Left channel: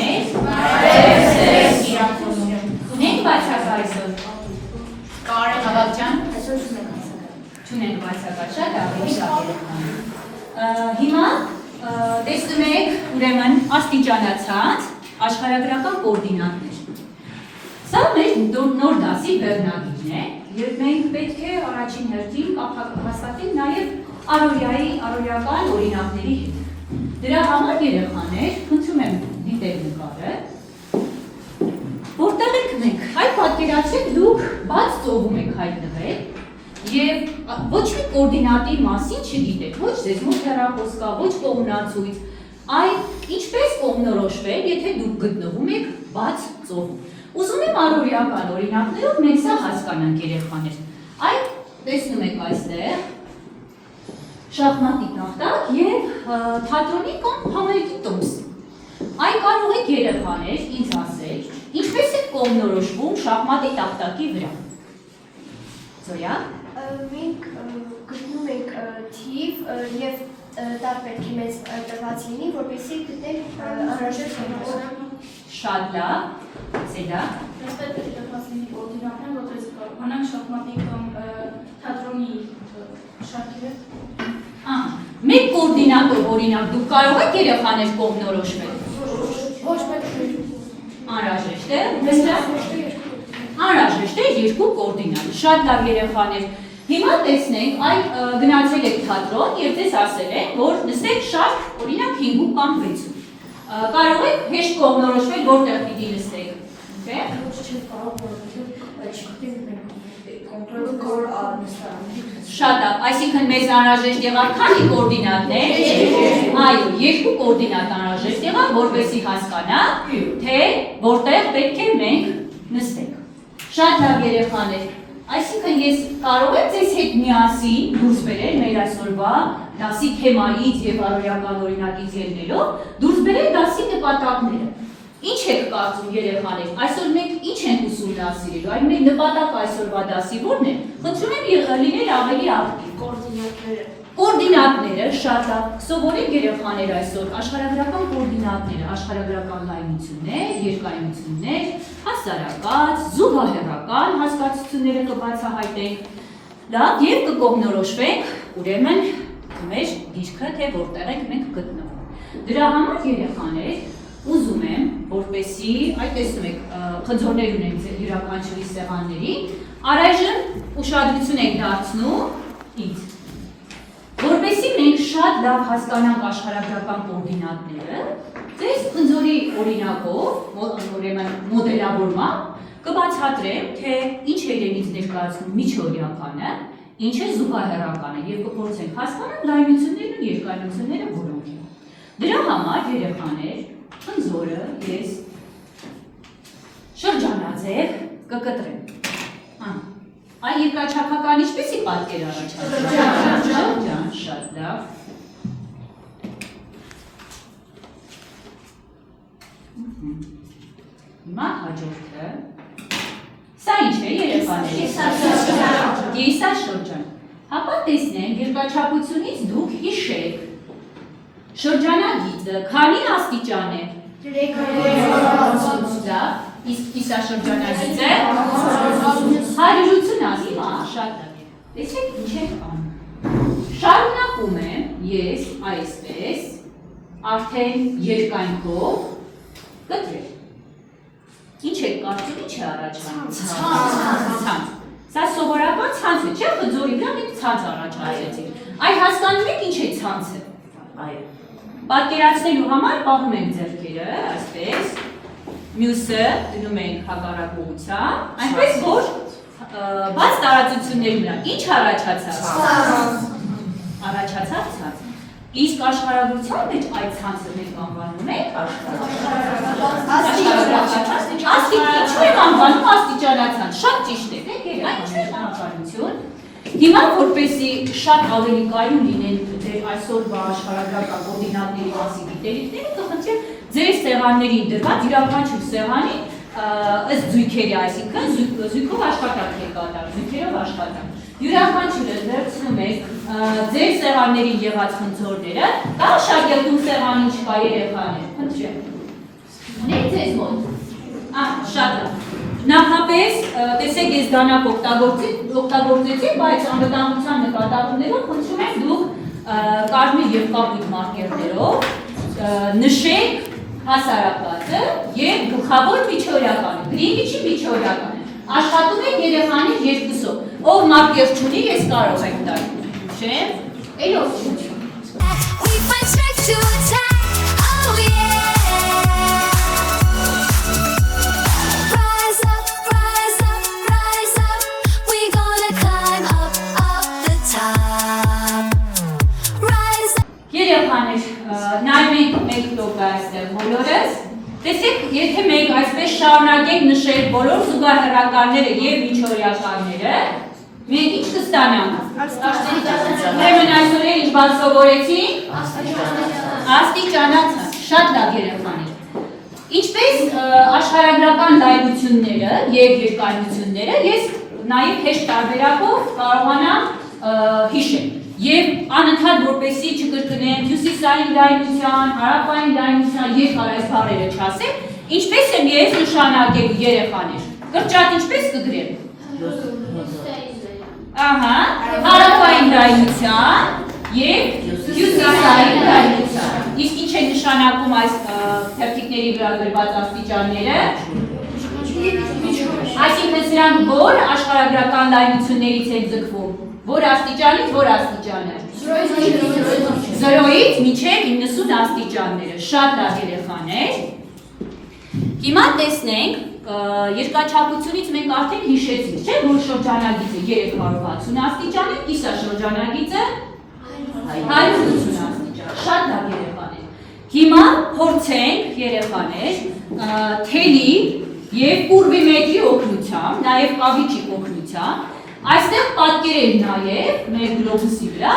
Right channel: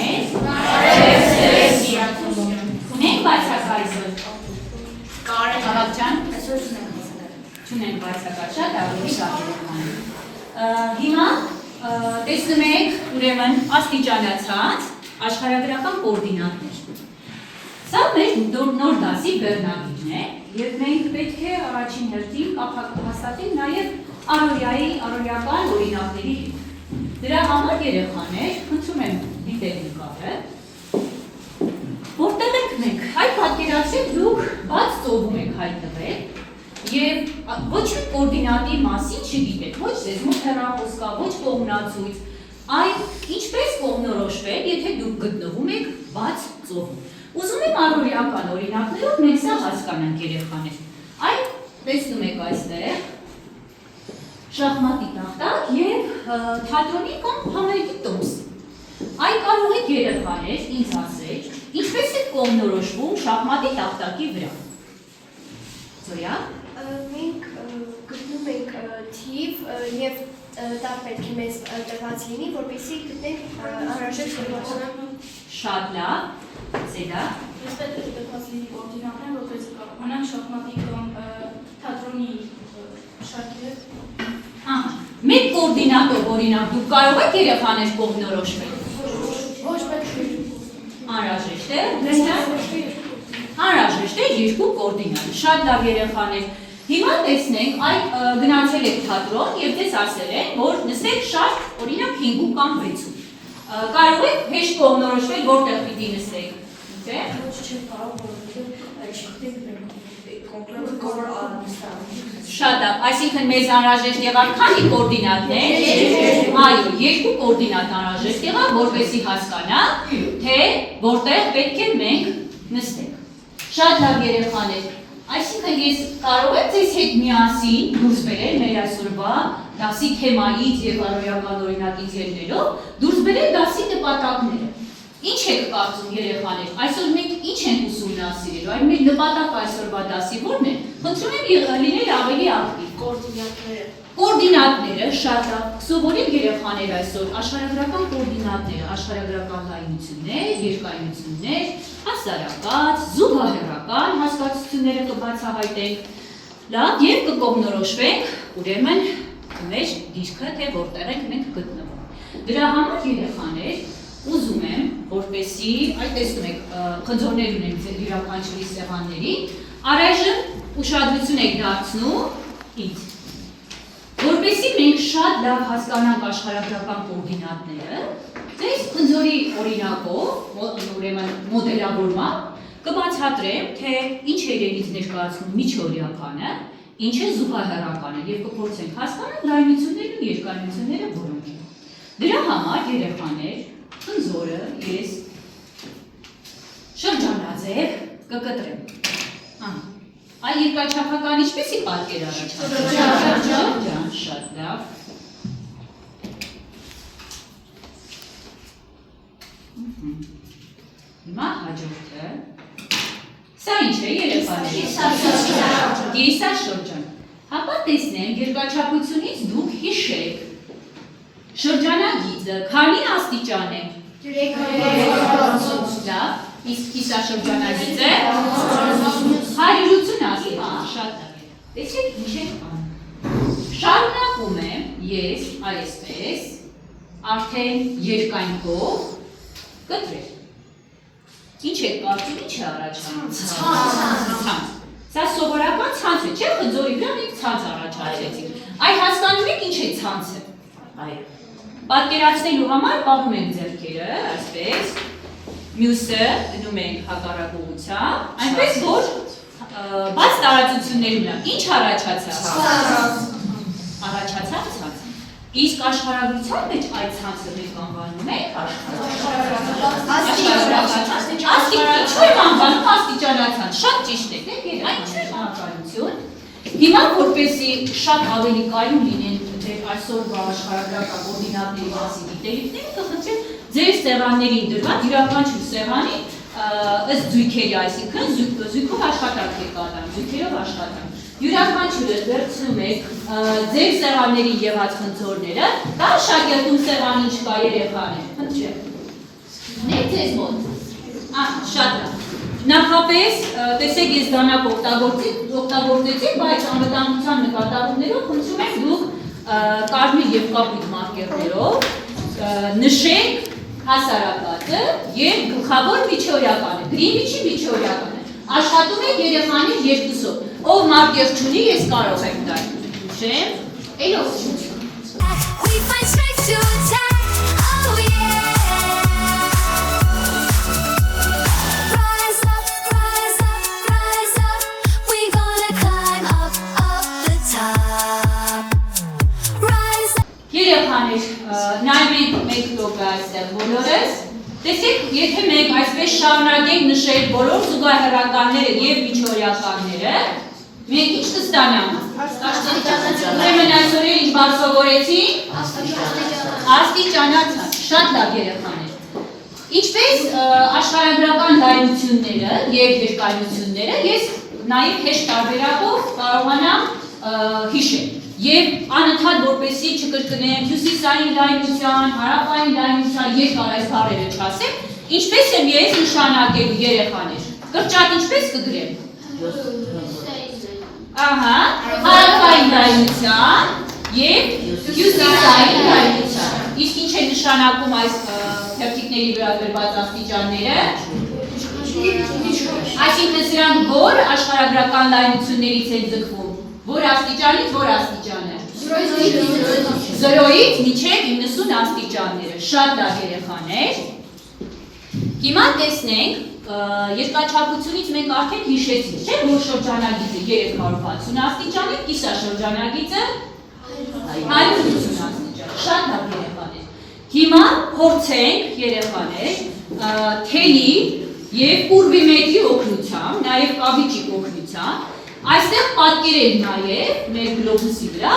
երեխաներ։ Ունենք բացակայ այսօր։ Ավակ ջան։ Չունենք բացակայ, շատ ավելի լավ երեխաներ։ Հիմա տեսնում եք ուրեմն աստիճանացած աշխարհագրական կոորդինատներ։ Սա մեր նոր դասի բեռնագիրն է, եւ մենք պետք է առաջին հերթին կապ հաստատենք նաեւ առօրյական օրինակների հետ։ Դրա համար երեխաներ, խնդրում եմ դիտել նկարը, որտեղ եք մենք, այդ պատկերացրեք դուք բաց ծովում եք հայտնվել եւ ոչ մի կոորդինատի մասին չգիտեք, ոչ ձեզ մոտ հեռախոս կա, ոչ կողմնացույց, այն ինչպես կողմնորոշվել, եթե դուք գտնվում եք բաց ծովում։ Ուզում եմ առօրյական օրինակներով մենք սա հասկանանք երեխաներ։ Այն տեսնում եք այստեղ շախմատի տախտակ եւ թատրոնի կամ համերգի տոմս։ Այն կարող եք երեխաներ ինձ ասել, ինչպես է կողմնորոշվում շախմատի տախտակի վրա։ Զորյա։ Մենք գտնում ենք թիվ եւ դա պետք է մեզ տրված լինի, որպեսզի գտնենք անհրաժեշտ կողմը։ Շատ լավ։ Սեդա։ Մեզ պետք է տրված լինի օրինակներ, որպեսզի կարողանանք շախմատի կամ թատրոնի շարքերը։ Մեկ կոորդինատով օրինակ դուք կարող եք երեխաներ կողմնորոշվել։ Ոչ պետք չէ։ Անհրաժեշտ է։ Անհրաժեշտ է երկու կոորդինատ։ Շատ լավ երեխաներ։ Հիմա տեսնենք, այդ գնացել եք թատրոն եւ ձեզ ասել են, որ նստեք շարք, օրինակ 5 կամ 6-ում։ Կարող եք հեշտ կողմնորոշվել, որտեղ պիտի նստեք։ Չէ՞։ Ոչ չէ, կարող որովհետեւ չգիտենք մենք Շատ լավ, այսինքն մեզ անհրաժեշտ եղավ քանի կոորդինատներ։ Այո, երկու կոորդինատ անհրաժեշտ եղավ, որպեսզի հասկանանք, թե որտեղ պետք է մենք նստենք։ Շատ լավ երեխաներ, այսինքն ես կարող եմ ձեզ հետ միասին դուրս բերել մեր այսօրվա դասի թեմայից եւ առօրյական օրինակից ելնելով, դուրս բերել դասի նպատակները։ Ինչ եք կարծում երեխաներ, այսօր մենք ինչ ենք ուսումնասիրելու, այն մեր նպատակը այսօրվա դասի ո՞րն է։ Խնդրում եմ լինել ավելի ակտիվ։ Կոորդինատները շատ լավ, սովորեք երեխաներ այսօր աշխարհագրական կոորդինատները, աշխարհագրական լայնություններ, երկայնություններ, հասարակած, զուգահեռական հասկացությունները կբացահայտենք, լավ եւ կկողմնորոշվենք, ուրեմն մեր դիրքը թե որտեղ ենք մենք գտնվում։ Դրա համար երեխաներ ուզում եմ, որպեսզի, այդ տեսնում եք, խնձորներ ունեն յուրաքանչյուրի սեղանների, առայժմ ուշադրություն եք դարձնում ինձ, որպեսզի մենք շատ լավ հասկանանք աշխարհագրական կոորդինատները, ձեզ խնձորի օրինակով, ուրեմն մոդելավորմամբ, կբացատրեմ, թե ինչ է իրենից ներկայացնում միջօրյականը, ինչ է զուգահեռականը եւ կփորձենք հասկանալ լայնություններն ու երկայնությունները որոնք են։ Դրա համար երեխաներ խնձորը ես շրջանաձև կկտրեմ։ Այ երկրաչափական ինչպեսի պատկեր առաջացնում։ Շրջան, շատ լավ։ Հիմա հաջորդը։ Սա ինչ է երեխաներ։ Կիսաշրջան։ Հապա տեսնենք երկրաչափությունից դուք հիշեք։ Շրջանագիծը քանի աստիճան է։ 3 Լավ, իսկ կիսաշրջանագիծը 180 աստիճան, շատ լավ։ Տեսեք ինչ ենք անում։ Շարունակում եմ ես այսպես արդեն երկայնքով կտրել։ Ինչ եք կարծում, ինչ է առաջանում։ Ցանց։ Սա սովորական ցանց է, չէ՞, խնձորի վրա մենք ցանց առաջացրեցինք։ Այ հասկանում եք ինչ է ցանցը։ Այո։ Պատկերացնելու համար պահում ենք ձեռքերը, այսպես, մյուսը դնում ենք հակառակ ուղղությամբ, այնպես որ բաց տարածությունների վրա ինչ առաջացավ։ Առաջացավ ցանց։ Իսկ աշխարհագրության մեջ այդ ցանցը մենք անվանում ենք Ինչու եմ անվանում աստիճանացանց, շատ ճիշտ է, այն չէ անվանություն։ Հիմա որպեսզի շատ ավելի կայուն լինեն ձեր այսօրվա աշխարհագրական կոորդինատների մասին գիտելիքները, կխնդրեմ ձեր սեղաններին դրված յուրաքանչյուր սեղանի ըստ զույգերի, այսինքն զույգով աշխատանք եք կատարում, զույգերով աշխատանք։ Յուրաքանչյուրը վերցնում եք ձեր սեղաններին եղած խնդրորները, կամ շագերտում սեղանին չկա երեխաներ, խնդրեմ։ ձեզ մոտ։ Շատ լավ։ Նախապես, տեսեք ես դանակ օգտագործեցի, բայց անվտանգության նկատառումներով խնդրում եմ դուք կարմիր և կապույտ մարկերներով նշեք հասարակածը և գլխավոր միջօրյականը, գրի միջի միջօրյականը։ Աշխատում եք երեխանի երկուսով, ով մարկեր չունի, ես կարող եք տալ, չեմ, էլով չունի։ We find strength to attack, oh yeah. Rise up, rise up, rise up. We gonna climb up the top. Rise up. Երեխաներ, նայվենք մեկ տոկը այստեղ բոլորս, տեսեք, եթե մենք այսպես շարունակենք նշել բոլոր զուգահեռականները և միջօրյականները, մենք ինչ կստանանք։ Ուրեմն այսօր ինչ բառ սովորեցինք։ Աստիճանացան, շատ լավ երեխաներ։ Ինչպես աշխարհագրական լայնությունները և երկայնությունները ես նաև հեշտ տարբերակով կարողանամ հիշել։ Եվ անընդհատ որպեսզի չկրկնեմ հյուսիսային լայնության, հարավային լայնության երկար այս բառերը չասեմ, ինչպես եմ ես նշանակելու երեխաներ։ Կրճատ ինչպես կգրեմ։ Ահա, հարավային լայնության և հյուսիսային լայնության։ Իսկ ինչ է նշանակում այս թերթիկների վրա գրված աստիճանները։ Այսինքն սրանք որ աշխարհագրական լայնություններից են ձգվում։ Որ աստիճանից որ աստիճանը։ 0-ից մինչև 90 աստիճանները։ Շատ լավ երեխաներ։ Հիմա տեսնենք երկրաչափությունից մենք արդեն հիշեցինք, չէ՞, որ շրջանագիծը 360 աստիճան է, կիսաշրջանագիծը 180 աստիճան։ Շատ լավ երեխաներ։ Հիմա փորձենք երեխաներ թելի և ուրվի մետրի օգնությամբ, նաև կավիճի օգնությամբ այստեղ պատկերել նաև մեր գլոբուսի վրա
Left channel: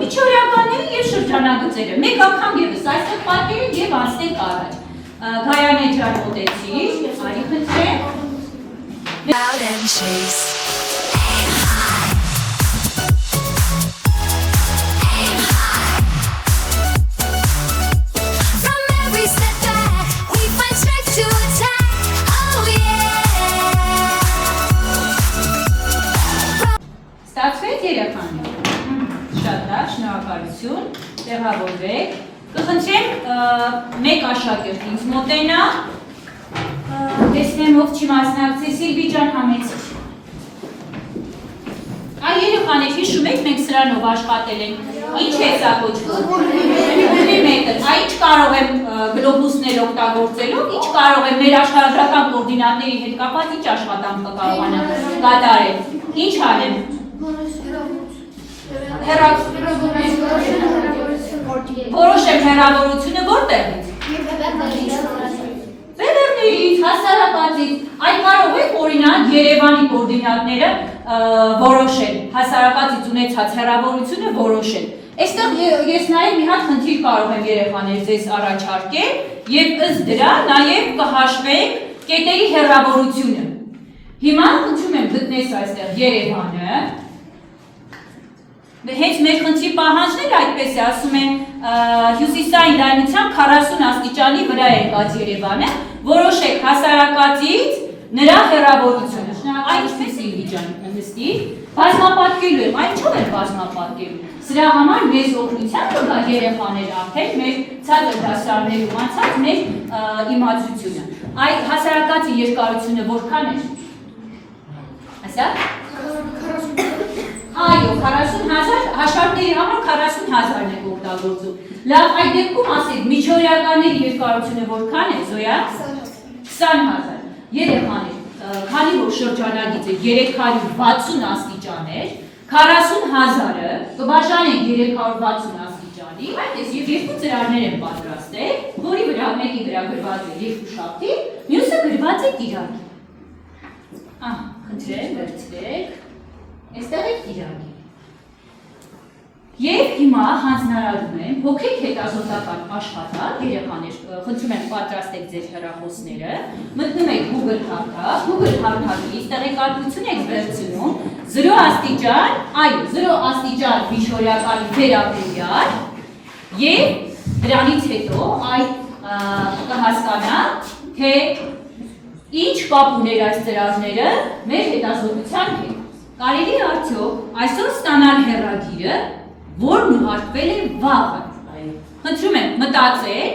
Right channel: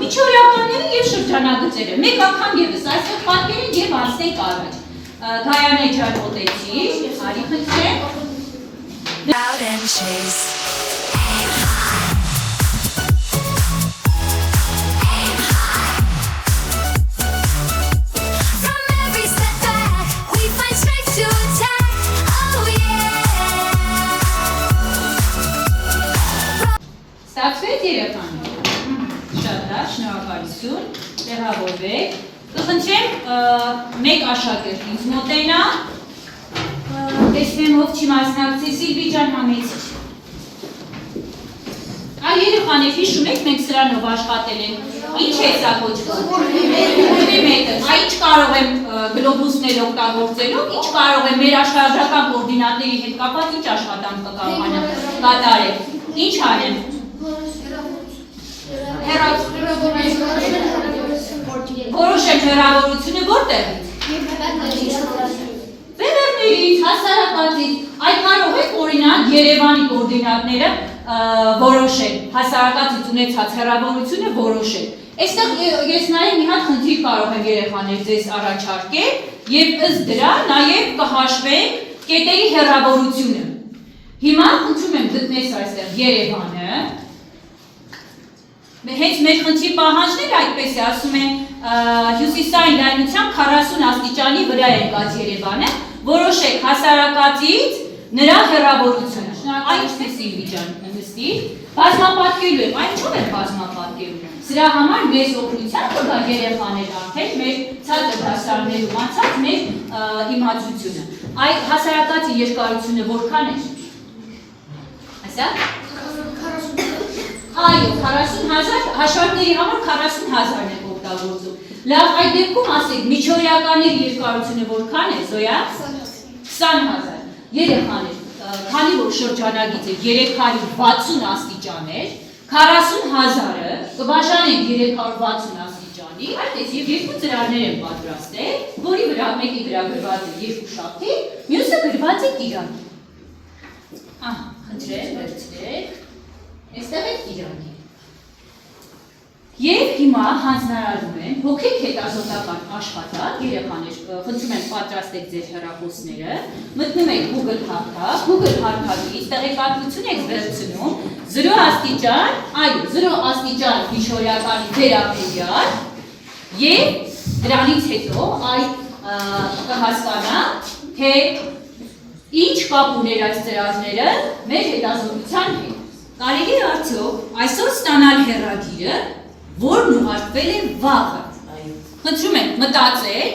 միջօրյականները և շրջանագծերը։ Մեկ անգամ ևս այստեղ պատկերել և անցնենք առաջ։ Գայանե ջան մոտեցի, արի խնդրեմ։ Out and chase. Aim high. Aim high. From every step back, we find strength to attack. Oh yeah. Ստացվեց երեխաներ։ Շատ լավ, շնորհակալություն, տեղավորվեք։ Կխնդրեմ մեկ աշակերտ ինձ մոտենա, տեսնեմ ով չի մասնակցի, Սիլվի ջան համեցիր։ Այ երեխաներ, հիշում եք մենք սրանով աշխատել ենք, ինչ է սա կոչվում։ Ուրվի մետր, այ ինչ կարող եմ գլոբուսներ օգտագործելով, ինչ կարող եմ մեր աշխարհագրական կոորդինատների հետ կապված ինչ աշխատանք կարողանամ կատարել։ Ինչ անեմ։ Որոշեք հեռավորությունը որտեղից։ Վեբերներից, հասարակածից, այդ կարող եք օրինակ Երևանի կոորդինատները որոշել, հասարակածից ունեցած հեռավորությունը որոշել։ Այստեղ ես նաև մի հատ խնդիր կարող եմ երեխաներ ձեզ առաջարկել և ըստ դրա նաև կհաշվենք կետերի հեռավորությունը։ Հիմա խնդրում եմ գտնես այստեղ Երևանը։ Հենց մեր խնդրի պահանջները այդպես է, ասում են հյուսիսային լայնությամբ 40 աստիճանի վրա եկած Երևանը, որոշեք հասարակածից նրա հեռավորությունը։ Այն ինչպես Սիլվի ջան նստի, բազմապատկելու եմ, այն ինչով եմ բազմապատկելու։ Սրա համար մեզ օգնության կգա երեխաներ արդեն մեր ցածր դասարաններում անցած մեր իմացությունը։ Այդ հասարակածի երկարությունը որքան է։ Ասա։ Այո, 40,000 հաշվարկների համար 40,000-ն է օգտագործում։ Լավ, այդ դեպքում ասեք, միջօրյականների երկարությունը որքան է, Զոյա։ 20,000։ Երեխաներ, քանի որ շրջանագիծը 360 աստիճան էր, 40,000-ը կբաժանենք 360 աստիճանի, այդպես եւ երկու ծրարներ են պատրաստել, որի վրա մեկի վրա գրված է երկու շաբթի, մյուսը գրված է տիրակի։ Խնդրեմ, վերցրեք։ Այստեղ է տիրակի։ Եվ հիմա հանձնարարում եմ փոքրիկ հետազոտական աշխատանք, երեխաներ, խնդրում եմ պատրաստեք ձեր հեռախոսները, մտնում եք Google հարթակ, Google հարթակից տեղեկատվություն եք վերցնում 0 աստիճան, այո, 0 աստիճան միջօրյականի վերաբերյալ եւ դրանից հետո այդ կհասկանաք թե ինչ կապ ուներ այս ծրագրերը մեր հետազոտության հետ։ Կարելի է արդյոք այսօր ստանալ հեռագիրը, որն ուղարկվել է վաղը։ Խնդրում եմ մտածել,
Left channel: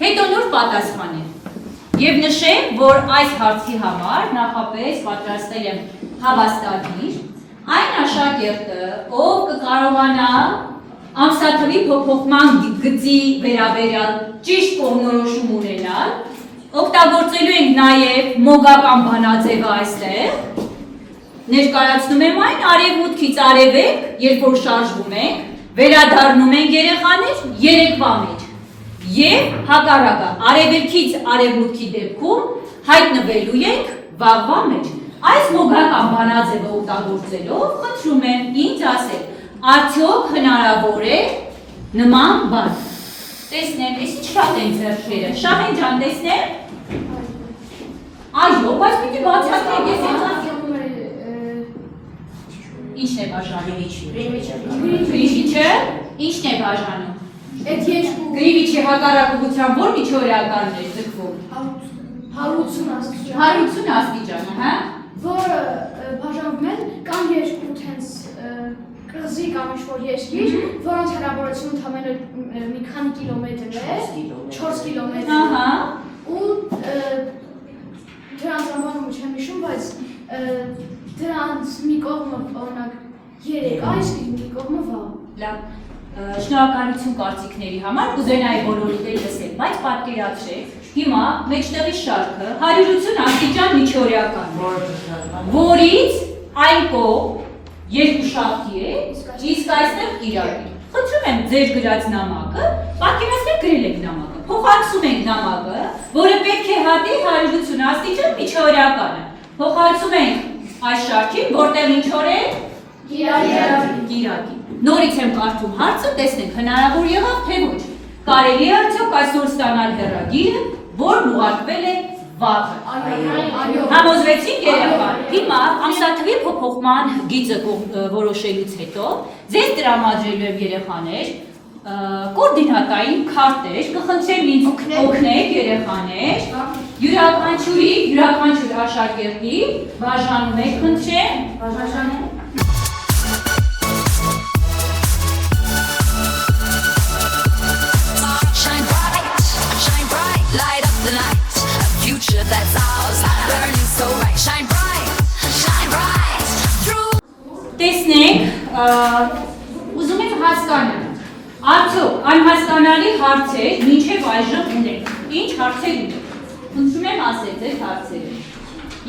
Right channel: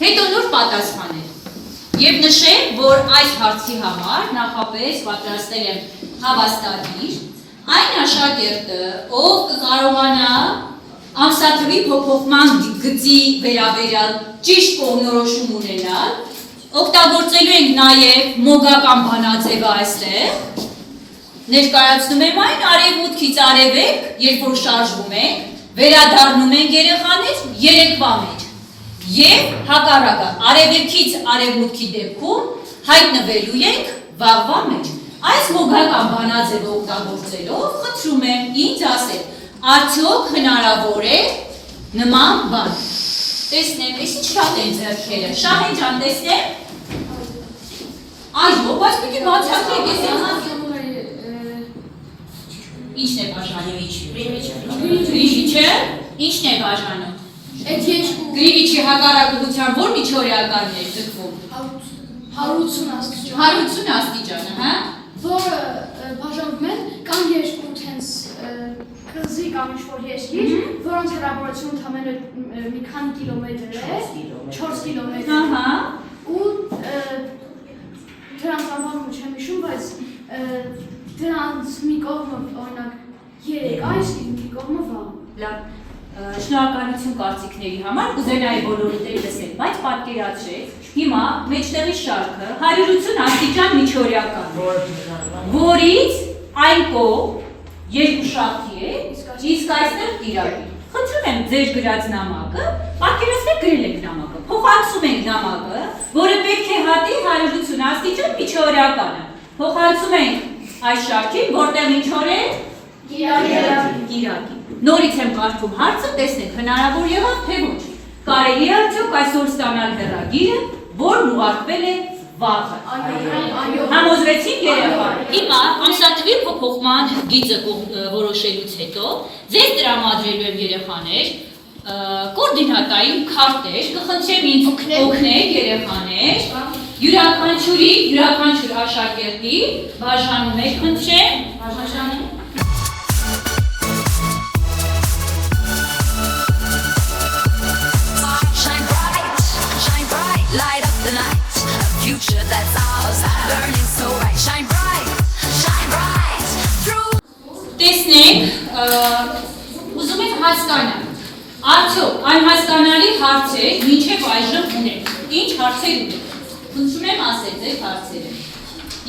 հետո նոր պատասխանել։ Եվ նշեմ, որ այս հարցի համար նախապես պատրաստել եմ հավաստագիր, այն աշակերտը, ով կկարողանա ամսաթվի փոփոխման գծի վերաբերյալ ճիշտ կողմնորոշում ունենալ, օգտագործելու ենք նաև մոգական բանաձևը այստեղ, ներկայացնում եմ այն արևմուտքից արևեք, երբ որ շարժվում ենք, վերադառնում ենք երեխաներ երեկվա մեջ և հակառակը արևելքից արևմուտքի դեպքում հայտնվելու ենք վաղվա մեջ։ Այս մոգական բանաձևը օգտագործելով խնդրում եմ ինձ ասել, արդյոք հնարավոր է նման բան։ Տեսնեմ, ես ինչ շատ են ձեռքերը, Շահեն ջան, տեսնեմ։ Այո, բայց պիտի բացատրեք, ես ինչն է բաժանում։ Գրիվիչը ինչն է բաժանում։ Գրիվիչի հակառակության որ միջօրեականն է ձգվում։ 180 աստիճան։ 180 աստիճանը, հա։ Որը բաժանում են կան երկու տենց կղզի կամ ինչ-որ երկիր, որոնց հեռավորությունը ընդամենը մի քանի կիլոմետր է, 4 կիլոմետր։ Ահա։ Ու դրանց անվանումը չեմ հիշում, բայց դրանց մի կողմը օրինակ 3 այս, մի կողմը վաղ։ Լավ։ Շնորհակալություն կարծիքների համար, կուզենայի բոլորիդ էլ լսել, բայց պատկերացրեք, հիմա մեջտեղի շարքը 180 աստիճան միջօրեական է, որից այն կողմ երկու շարքի է, իսկ այստեղ կիրակի։ Խնդրում եմ ձեր գրած նամակը, պատկերացրեք գրել եք նամակը, փոխանցում ենք նամակը, որը պետք է հատի 180 աստիճան միջօրեականը։ Փոխանցում ենք այս շարքին, որտեղ ինչ օր է։ Կիրակի։ Նորից եմ կարդում հարցը, տեսնենք հնարավոր եղավ թե ոչ։ Կարելի է արդյոք այսօր ստանալ հեռագիրը, որն ուղարկվել է վաղը։ Համոզվեցինք երեխա։ Հիմա ամսաթվի փոփոխման գիծը որոշելուց հետո ձեզ տրամադրելու եմ երեխաներ կոորդինատային քարտեր, կխնդրեմ ինձ օգնեք երեխաներ, յուրաքանչյուր աշակերտի բաժանում եք, խնդրեմ, բաժանում։ Light up the night, a future that's ours, burning so bright. Shine bright through. Տեսնենք, ուզում եմ հասկանալ, արդյոք անհասկանալի հարցեր մինչև այժմ ունենք, ինչ հարցեր ունենք, խնդրում եմ ասել ձեր հարցերը։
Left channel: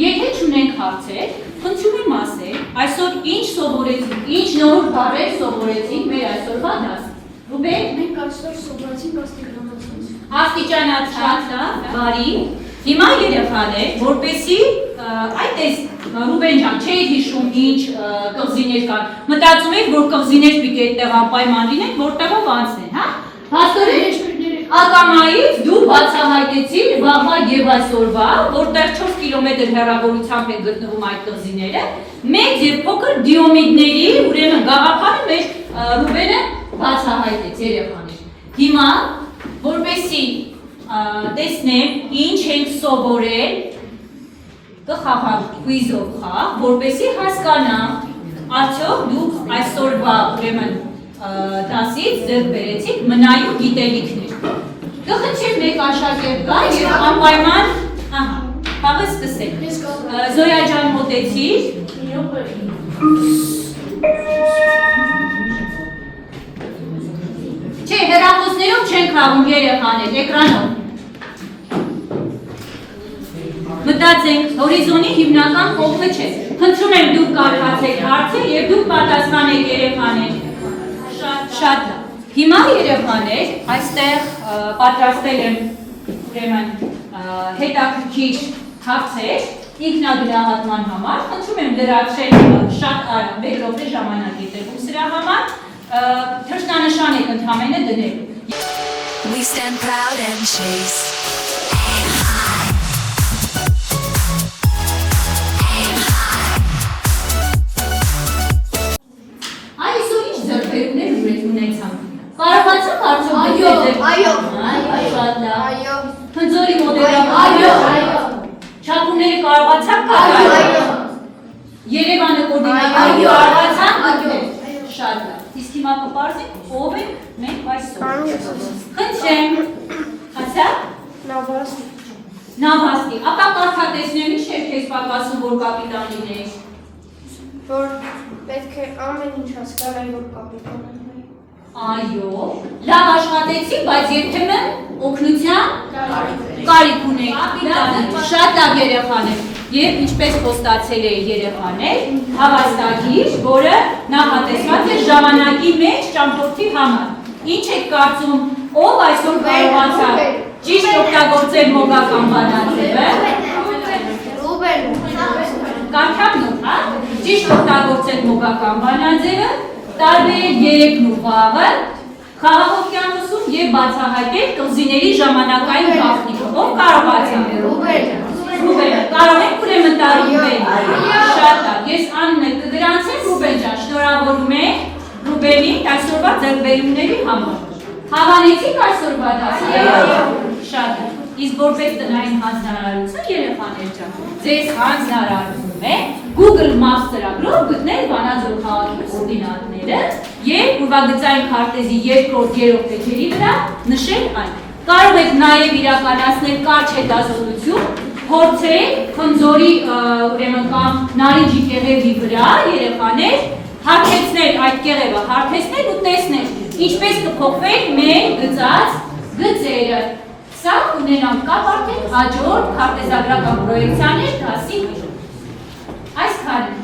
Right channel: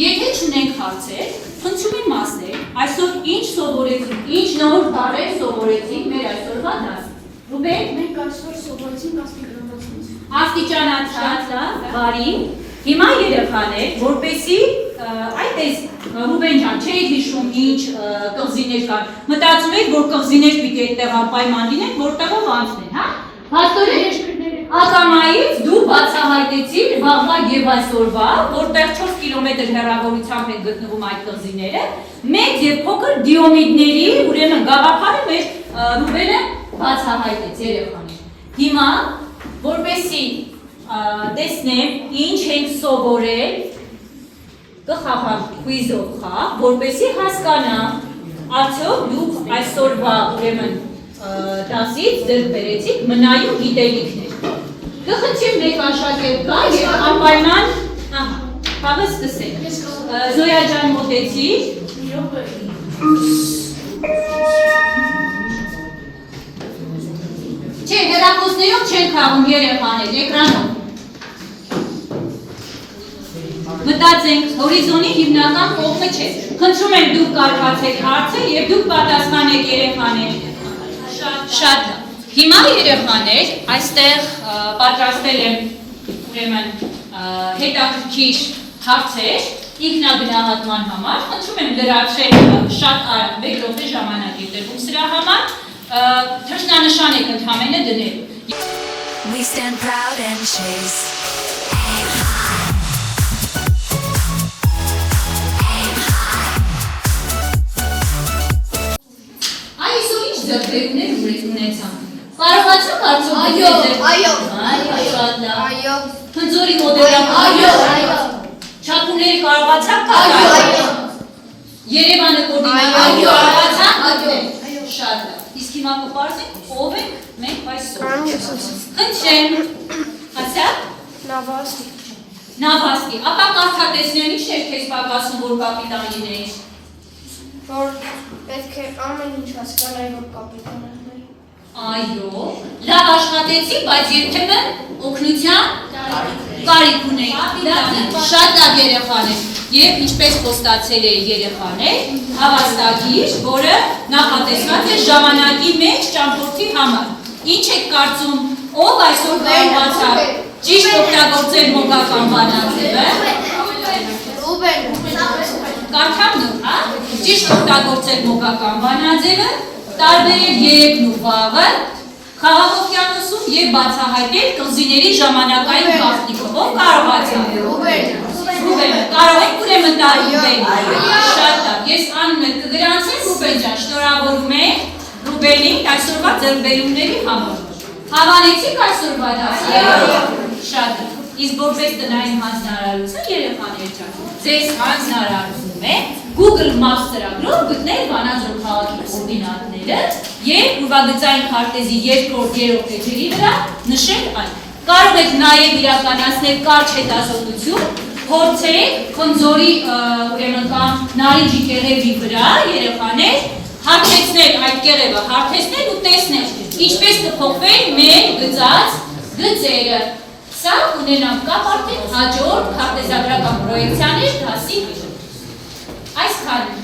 Եթե չունենք հարցեր, խնդրում եմ ասել, այսօր ինչ սովորեցինք, ինչ նոր բառեր սովորեցինք մեր այսօրվա դասում։ Ռուբեն, Մենք այսօր սովորեցինք աստիճանացույց։ Աստիճանացած, բարի։ Հիմա երեխաներ, որպեսի այդպես Ռուբեն ջան, չէի հիշում ինչ կղզիներ կան։ Մտածում եք, որ կղզիներ պիտի այդտեղ անպայման լինեն, որտեղով անցնեն, հա։ Հաստորեն ակամայից դու բացահայտեցիր վաղվա եւ այսօրվա, որտեղ 4 կիլոմետր հեռավորությամբ են գտնվում այդ կղզիները, մեծ եւ փոքր դիոմիդների, ուրեմն գաղափարը մեր Ռուբենը բացահայտեց երեխաներ։ Հիմա որպեսի տեսնեմ ինչ ենք սովորել, կխաղալ քվիզով խաղ, որպեսի հասկանամ արդյոք դուք այսօրվա ուրեմն դասից ձեռք բերեցիք մնայուն գիտելիքներ։ Կխնդրեմ մեկ աշակերտ գա եւ անպայման, ահա, խաղը սկսենք։ Զոյա ջան մոտեցիր։ Չէ, հեռախոսներով չեն խաղում երեխաներ, էկրանով։ Մտածենք, հորիզոնի հիմնական կողմը չէ։ Խնդրում եմ դուք կարդացեք հարցը եւ դուք պատասխանեք երեխաներ։ Շատ լավ։ Հիմա երեխաներ, այստեղ պատրաստել եմ ուրեմն հետաքրքիր հարցեր ինքնագնահատման համար։ Խնդրում եմ լրացրել շատ արագ 1 րոպե ժամանակ է տրվում սրա համար։ Թռչնանշան եք ընդհանրապես դնելու։ We stand proud and chase. Այսօր ինչ ձեռքբերումներ ունեցան։ Կարողացաք արդյոք Այո, շատ լավ։ այո։ Խնձորի Google-ի մոդելը չափումների կարողացաք կատարել։ Երևանը կոորդինատորը կարողացան։ Շատ լավ։ Իսկ հիմա կպարզենք ով ենք մենք այսօր։ Խնդրեմ, հասա՞ք։ Նավաստի, ապա կարդատեսնեմ ինչ էր քեզ պակասում, որ կապիտան լինեիր։ Որ պետք է ամեն ինչ հասկանալ, որ կապիտան լինի։ Այո, լավ աշխատեցի, բայց երբեմն օգնության կարիք ունեի։ Շատ լավ երեխաներ։ Եվ ինչպես խոստացել է երեխաներ, հավաստագիր, որը նախատեսված է ժամանակի մեջ ճամփորդի համար։ Ինչ եք կարծում, ով այսօր կարողացավ ճիշտ օգտագործել մոգական բանաձևը։ Կարդամ նոր, հա? Ճիշտ օգտագործել մոգական բանաձևը, տարբերել երեկն ու վաղը, Խաղաղ օվկիանոսում եւ բացահայտել կղզիների ժամանակային գաղտնիքը։ Ով կարողացավ։ Ռուբենը, կարող եք ուրեմն տալ Ռուբենին։ Շատ լավ, ես անունը կգրանցեմ Ռուբեն ջան, շնորհավորում եմ Ռուբենին այսօրվա ձեռքբերումների համար։ Հավանեցիք այսօրվա դասերը։ Շատ լավ։ Իսկ որպես տնային հանձնարարություն երեխաներ ջան, ձեզ հանձնարարվում է Google Maps ծրագրով գտնել Վանաձոր քաղաքի կոորդինատները եւ ուրվագծային քարտեզի երկրորդ երրորդ էջերի վրա նշել այն։ Կարող եք նաեւ իրականացնել կարճ հետազոտություն, փորձել Խնձորի ուրեմն կամ Նարինջի կեղևի վրա երեխաներ հագեցնել այդ կեղևը, հարթեցնել ու տեսնել ինչպես կփոխվեն մեր գծած գծերը։ Սա ունենանք կապ արդեն հաջորդ քարտեզագրական պրոյեկցիաներ դասի։ Այսքանը